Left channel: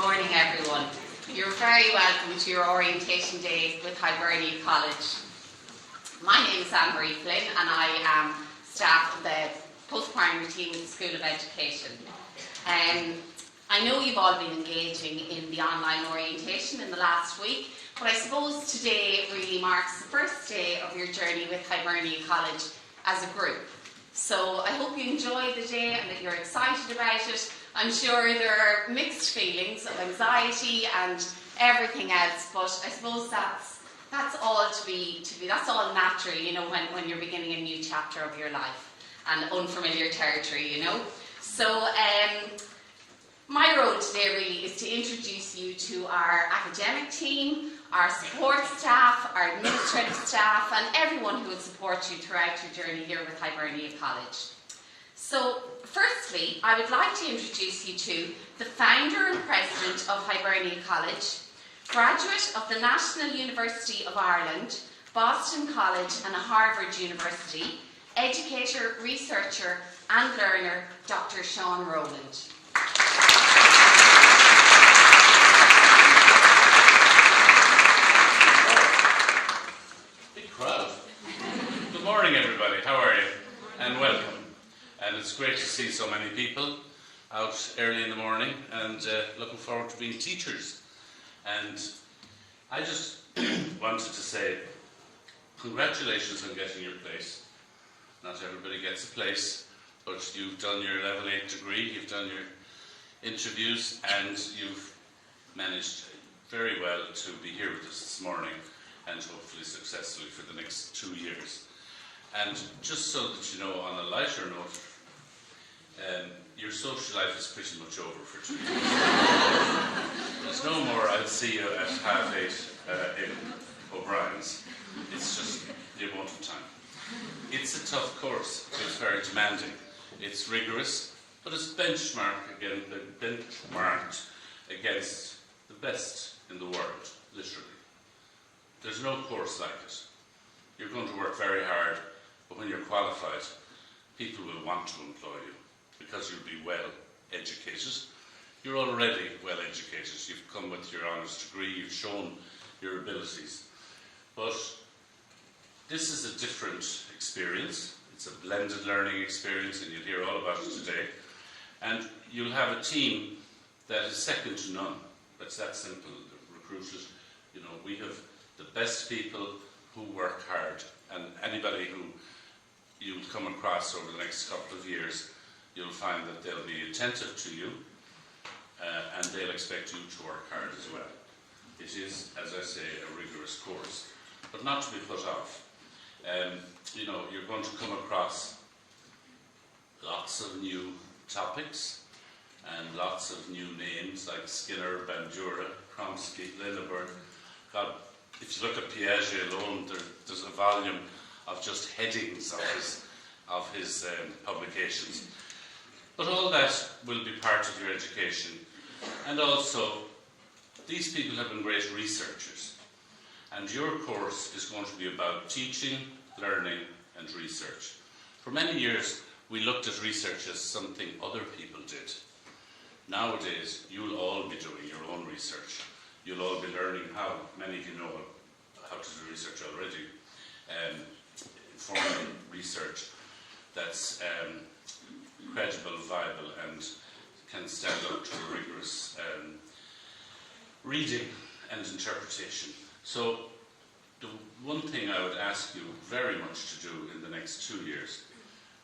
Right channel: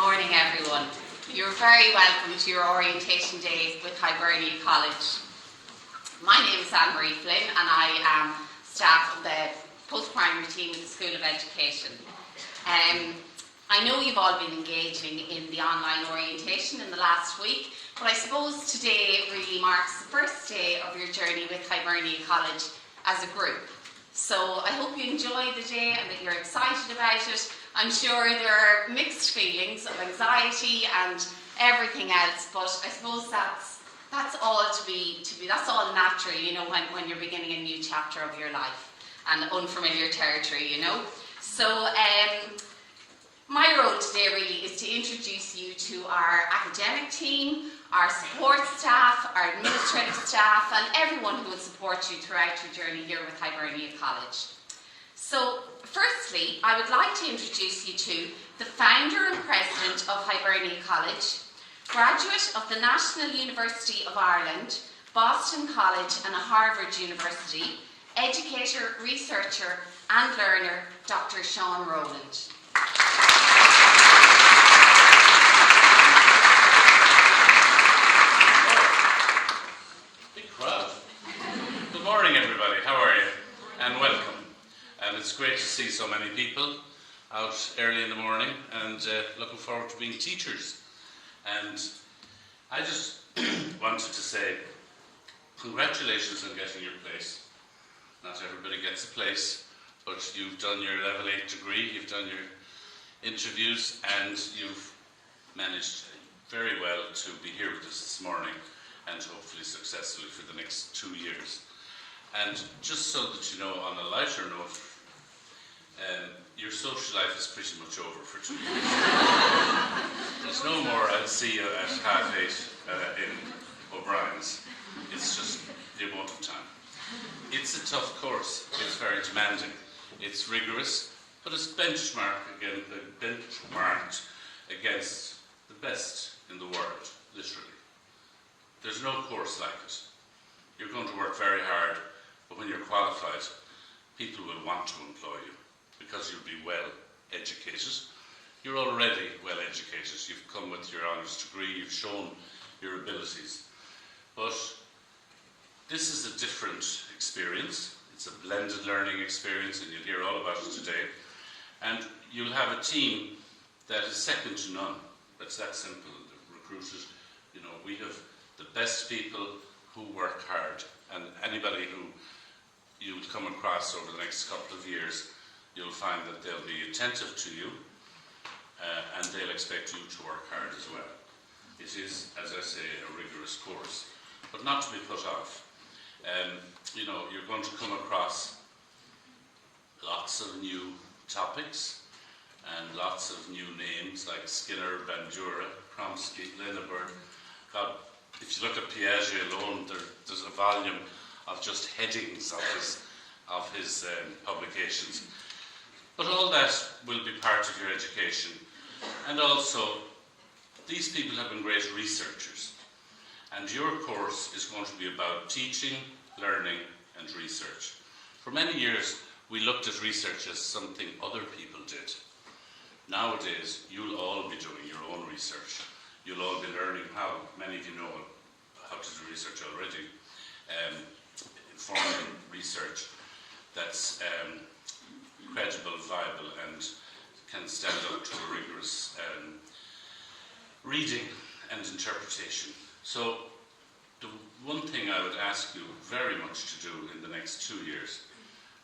morning, everyone. You're very welcome to your orientation days with Hibernia College. My name is Anne-Marie Flynn and I am staff of the post-primary team at the School of Education. I know you've all been engaging in the online orientation in the last week, but I suppose today really marks the first day of your journey with Hibernia College as a group. So I hope you enjoy the day and that you're excited about it. I'm sure there are mixed feelings of anxiety and everything else, but I suppose that's all that's all natural, you know, when you're beginning a new chapter of your life and unfamiliar territory, you know. So my role today really is to introduce you to our academic team, our support staff, our administrative staff, and everyone who will support you throughout your journey here with Hibernia College. So, firstly, I would like to introduce you to the founder and president of Hibernia College, graduate of the National University of Ireland, Boston College and Harvard University, educator, researcher and learner, Dr. Sean Rowland. Big crowd. Good morning, everybody. How are you? And welcome. And it's great to see so many people out early in the morning and looking forward to being teachers. And I just wanted to say congratulations on getting your place. Not everybody gets a place, but you've done your level 8 degree, you've done your interviews, and you've managed very well to be here with us this morning and hopefully successfully for the next 2 years. And just so that you know, on a lighter note, your social life is pretty much over for 2 years. There's no more, I'll see you at 8:30 in O'Brien's. It's just the amount of time. It's a tough course, it's very demanding, it's rigorous, but it's benchmarked against the best in the world, literally. There's no course like it. You're going to work very hard, but when you're qualified, people will want to employ you because you'll be well educated. You're already well educated. You've come with your honours degree, you've shown your abilities. But this is a different experience. It's a blended learning experience, and you'll hear all about it today. And you'll have a team that is second to none. It's that simple. The recruiters, you know, we have the best people who work hard, and anybody who you'll come across over the next couple of years, you'll find that they'll be attentive to you and they'll expect you to work hard as well. It is, as I say, a rigorous course, but not to be put off. You know, you're going to come across lots of new topics and lots of new names like Skinner, Bandura, Chomsky, Lindeburg. God, if you look at Piaget alone, there's a volume of just headings of his publications. But all that will be part of your education. And also, these people have been great researchers. And your course is going to be about teaching, learning, and research. For many years, we looked at research as something other people did. Nowadays, you'll all be doing your own research. You'll all be learning how. Many of you know how to do research already. Informal research that's credible, viable, and can stand up to a rigorous reading and interpretation. So the one thing I would ask you very much to do in the next 2 years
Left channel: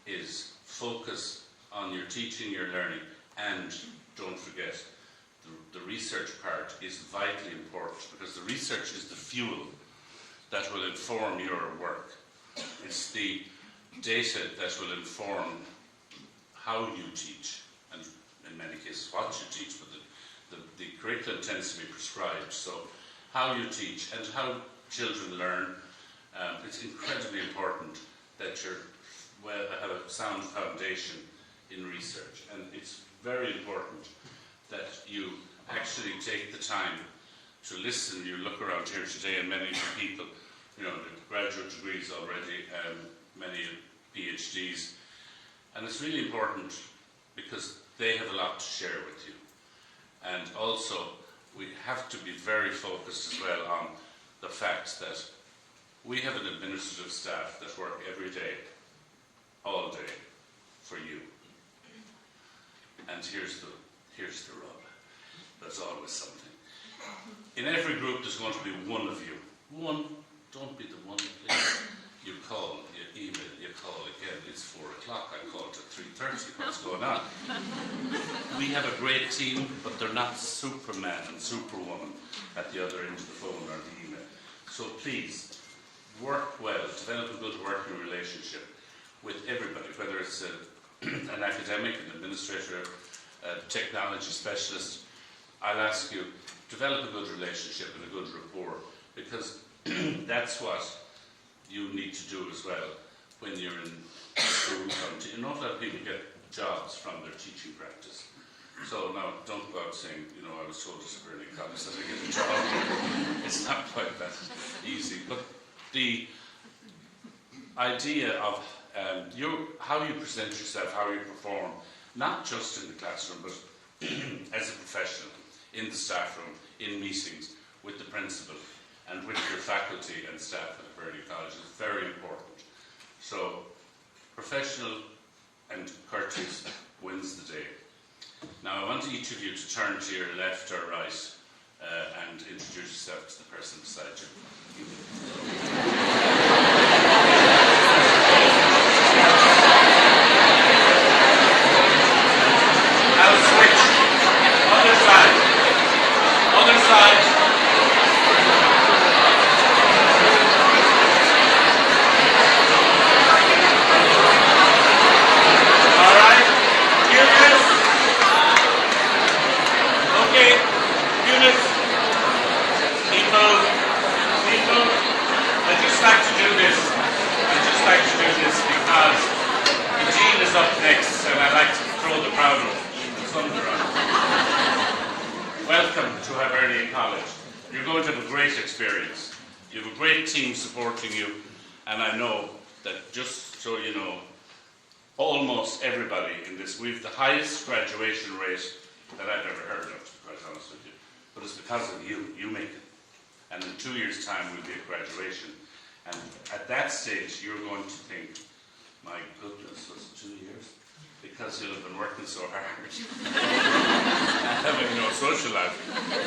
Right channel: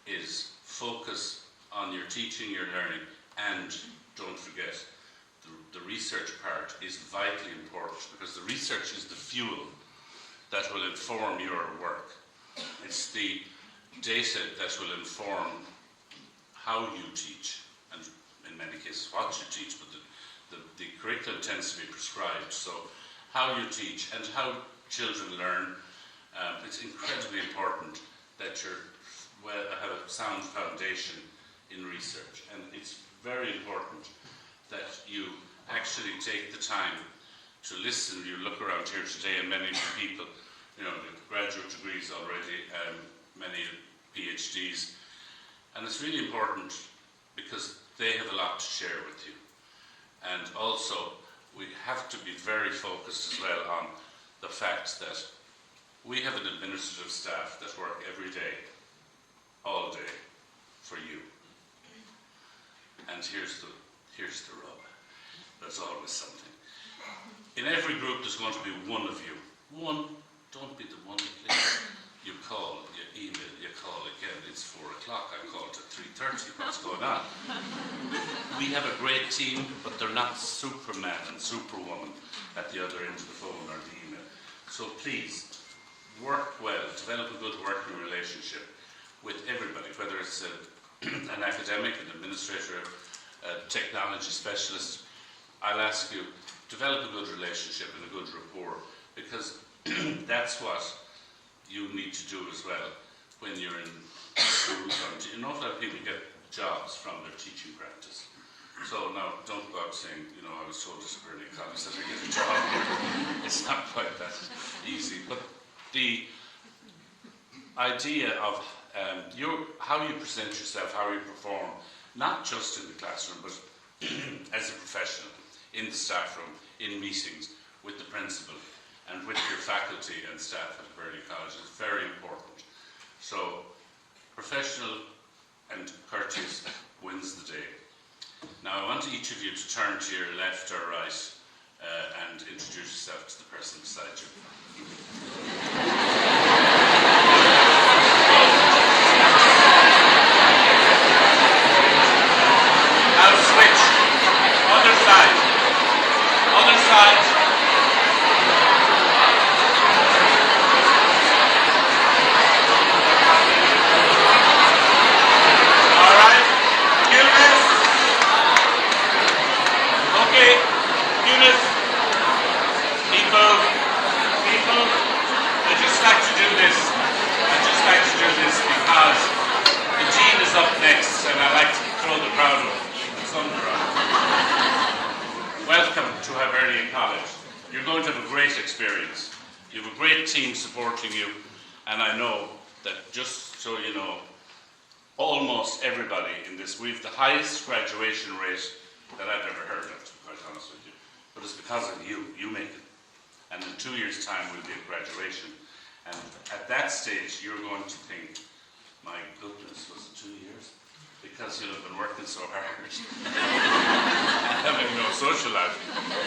is focus on your teaching, your learning, and don't forget, the research part is vitally important because the research is the fuel that will inform your work. It's the data that will inform how you teach, and in many cases what you teach, but the curriculum tends to be prescribed. So how you teach and how children learn, it's incredibly important that you have a sound foundation in research. And it's very important that you actually take the time to listen. You look around here today and many of the people, you know, the graduate degrees already, many PhDs. And it's really important because they have a lot to share with you. And also, we have to be very focused as well on the fact that we have an administrative staff that work every day, all day, for you. And here's the rub. There's always something. In every group there's going to be one of you. One, don't be the one, please. You call, you email, you call again. It's 4 o'clock. I called at 3:30. What's going on? We have a great team, but they're not Superman and Superwoman at the other end of the phone or the email. So please, work well, develop a good working relationship with everybody, whether it's an academic, an administrator, a technology specialist. I'll ask you, develop a good relationship and a good rapport, because that's what you need to do as well when you're in school. An awful lot of people get jobs from their teaching practice. So now, don't go out saying, you know, I was told at Burley College that I get a job. It's not quite that easy. But the idea of how you present yourself, how you perform, not just in the classroom, but as a professional, in the staff room, in meetings, with the principal, and with your faculty and staff at Burley College is very important. So, professional and courteous wins the day. Now, I want each of you to turn to your left or right and introduce yourself to the person beside you. Now switch. Other side. Other side. All right. Eunice. Okay. Eunice. People. I just like to do this. Because the dean is up next, and I like to throw the crowd of thunder on. Welcome to Hibernian College. You're going to have a great experience. You have a great team supporting you, and I know that, just so you know, almost everybody in this, we've the highest graduation rate that I've ever heard of, to be quite honest with you. But it's because of you. You make it. And in 2 years' time, we'll be at graduation. And at that stage, you're going to think, my goodness, was it 2 years? Because you'll have been working so hard and having no social life.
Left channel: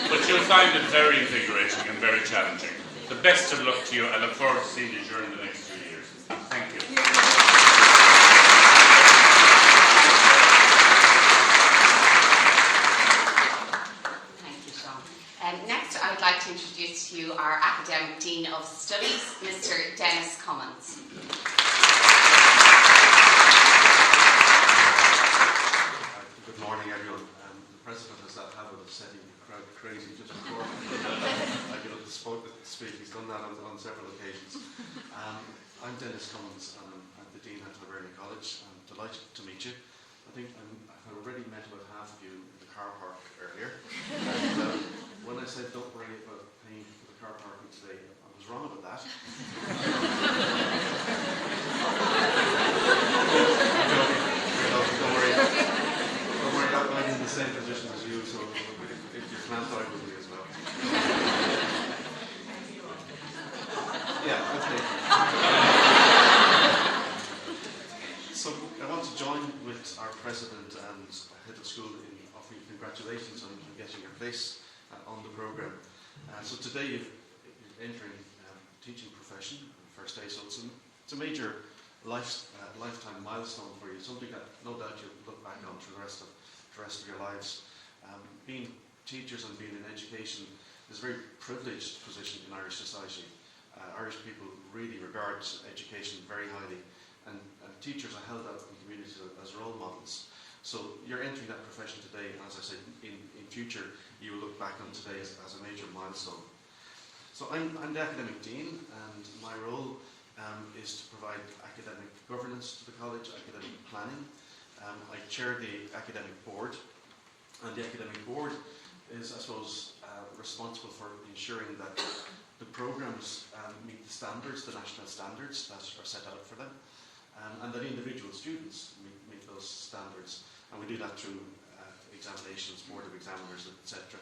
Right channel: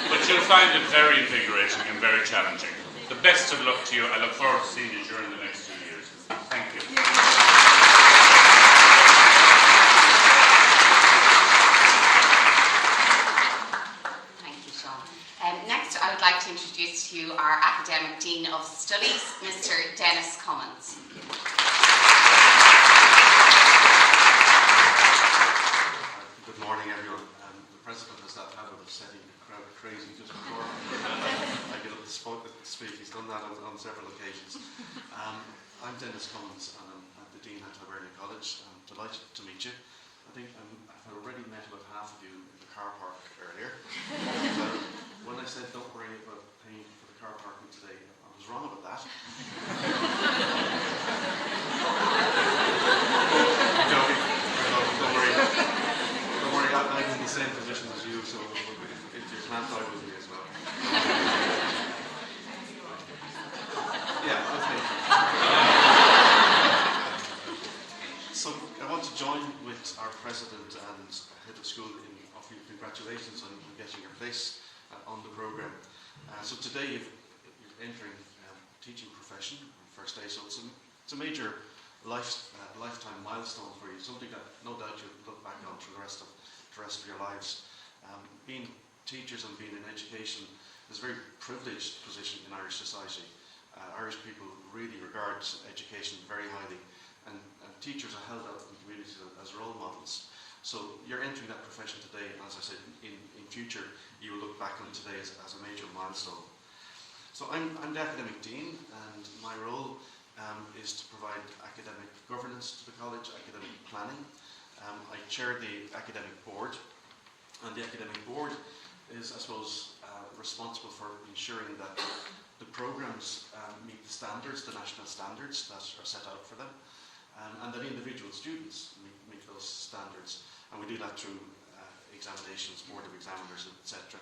But you'll find it very invigorating and very challenging. The best of luck to you. I look forward to seeing you during the next 2 years. Thank you. Thank you, Sean. Next, I would like to introduce to you our Academic Dean of Studies, Mr. Dennis Cummins. Good morning, everyone. The President has that habit of setting the crowd crazy just before I get up to speak. He's done that on several occasions. I'm Dennis Cummins, and I'm the Dean at Hibernian College. I'm delighted to meet you. I think I've already met about half of you in the car park earlier. And, when I said don't worry about paying for the car parking today, I was wrong about that. I'm joking. Don't worry. Don't worry, I'm in the same position as you, so if you can't die with me as well. Yeah, okay. So I want to join with our President and Head of School in offering congratulations on getting your place on the programme. So today you're entering teaching profession, first day, so it's a major lifetime milestone for you, something that no doubt you'll look back on for the rest of your lives. Being teachers and being in education is a very privileged position in Irish society. Irish people really regard education very highly, and teachers are held out in the community as role models. So you're entering that profession today, and as I said, in future you will look back on today as a major milestone. So I'm the Academic Dean, and my role is to provide academic governance to the college, academic planning. I chair the academic board, and the academic board is, I suppose, responsible for ensuring that the programmes meet the standards, the national standards that are set out for them, and that individual students meet those standards. And we do that through examinations, board of examiners, etc.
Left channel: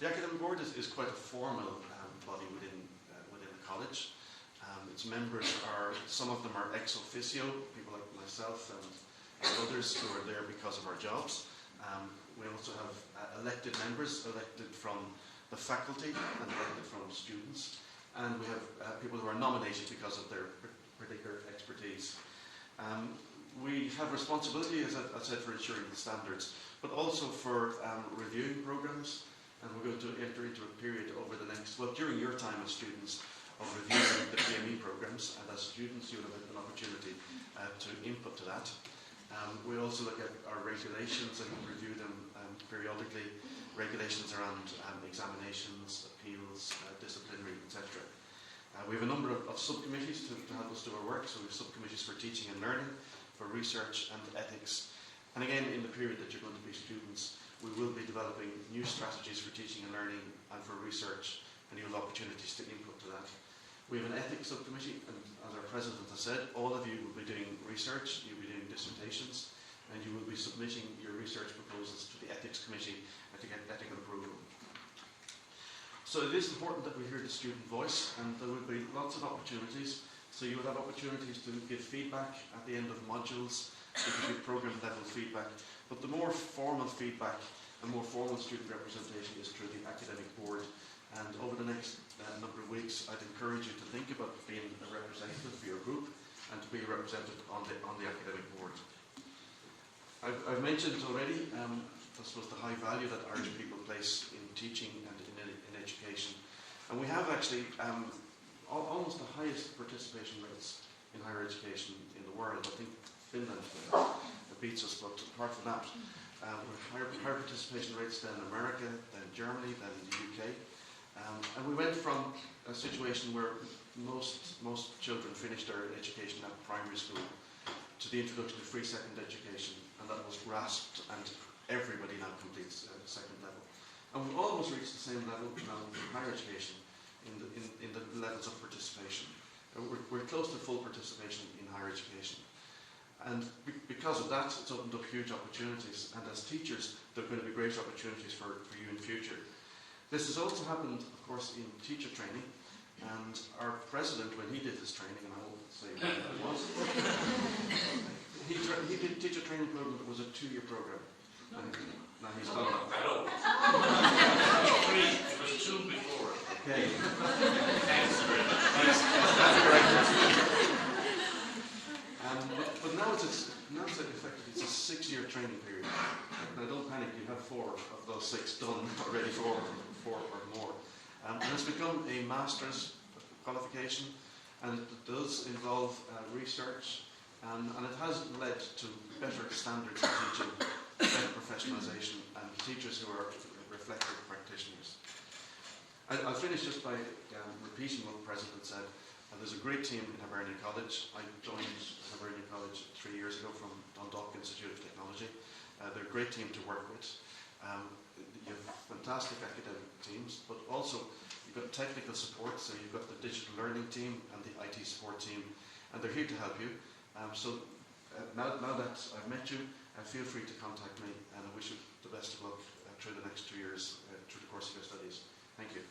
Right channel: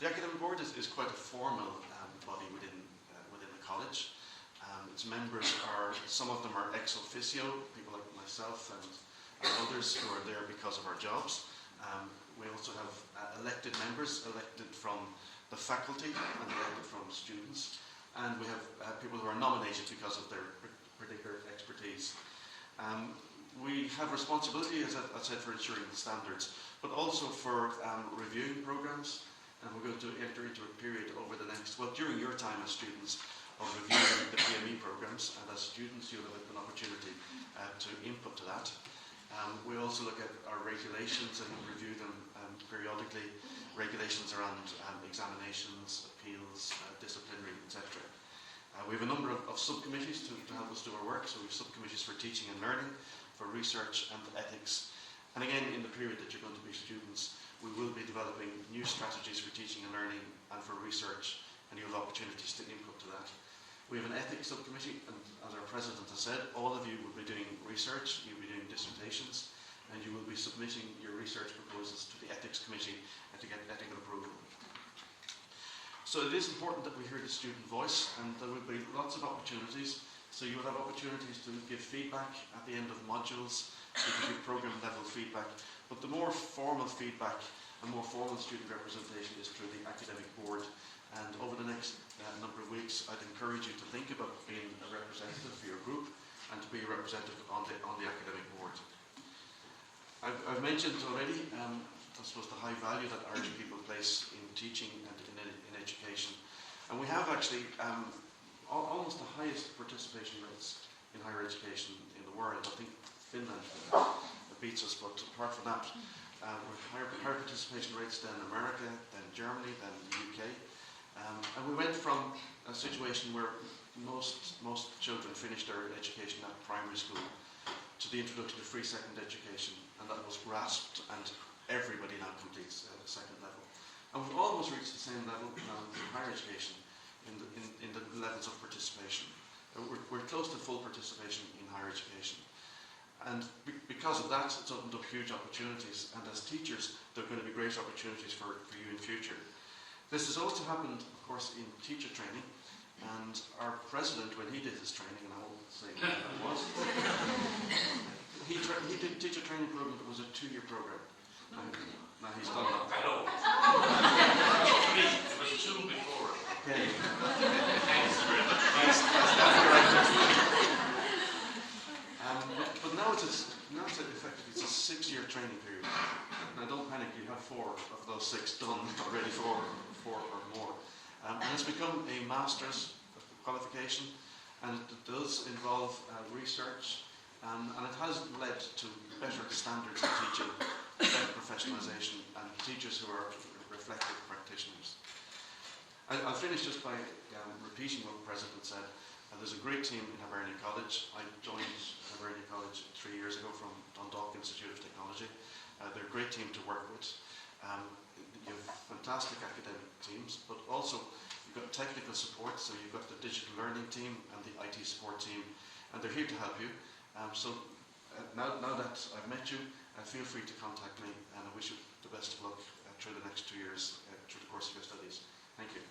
The academic board is quite a formal body within the college. Its members are, some of them are ex officio, people like myself and others who are there because of our jobs. We also have elected members, elected from the faculty and elected from students. And we have people who are nominated because of their particular expertise. We have responsibility, as I said, for ensuring the standards, but also for reviewing programs. And we're going to enter into a period over the next, well, during your time as students, of reviewing the PME programs, and as students you'll have an opportunity to input to that. We also look at our regulations and review them periodically, regulations around examinations, appeals, disciplinary, etc. We have a number of subcommittees to help us do our work. So we have subcommittees for teaching and learning, for research and ethics. And again, in the period that you're going to be students, we will be developing new strategies for teaching and learning and for research, and you'll have opportunities to input to that. We have an ethics subcommittee, and as our president has said, all of you will be doing research, you'll be doing dissertations, and you will be submitting your research proposals to the ethics committee to get ethical approval. So it is important that we hear the student voice, and there will be lots of opportunities. So you will have opportunities to give feedback at the end of modules, you can give program level feedback, but the more formal feedback and more formal student representation is through the academic board. And over the next number of weeks, I'd encourage you to think about being a representative for your group and to be a representative on the academic board. I've mentioned already, I suppose, the high value that Irish people place in teaching and in education. And we have actually almost the highest participation rates in higher education in the world. I think Finland beats us, but apart from that, we're higher participation rates than America, than Germany, than the UK. And we went from a situation where most children finished their education at primary school to the introduction of free second education, and that was grasped, and everybody now completes second level. And we've almost reached the same level now in higher education in the levels of participation. We're close to full participation in higher education. And because of that, it's opened up huge opportunities, and as teachers, there are going to be great opportunities for you in future. This has also happened, of course, in teacher training, and our president, when he did his training, and I won't say when that was, he did a teacher training program that was a 2-year program. And now he's done that. Hello. It was 2 before. Okay. Thanks very much. But now it's effectively it's a 6-year training period. Now don't panic, you have 4 of those 6 done already, 4 or more. And it's become a master's qualification, and it does involve research, and it has led to better standards in teaching, better professionalisation, and teachers who are reflective practitioners. I'll finish just by repeating what the President said. There's a great team in Hibernia College. I joined Hibernia College 3 years ago from Dundalk Institute of Technology. They're a great team to work with. You have fantastic academic teams, but also you've got technical support, so you've got the digital learning team and the IT support team, and they're here to help you. Now that I've met you, feel free to contact me, and I wish you the best of luck through the next 2 years, through the course of your studies. Thank you.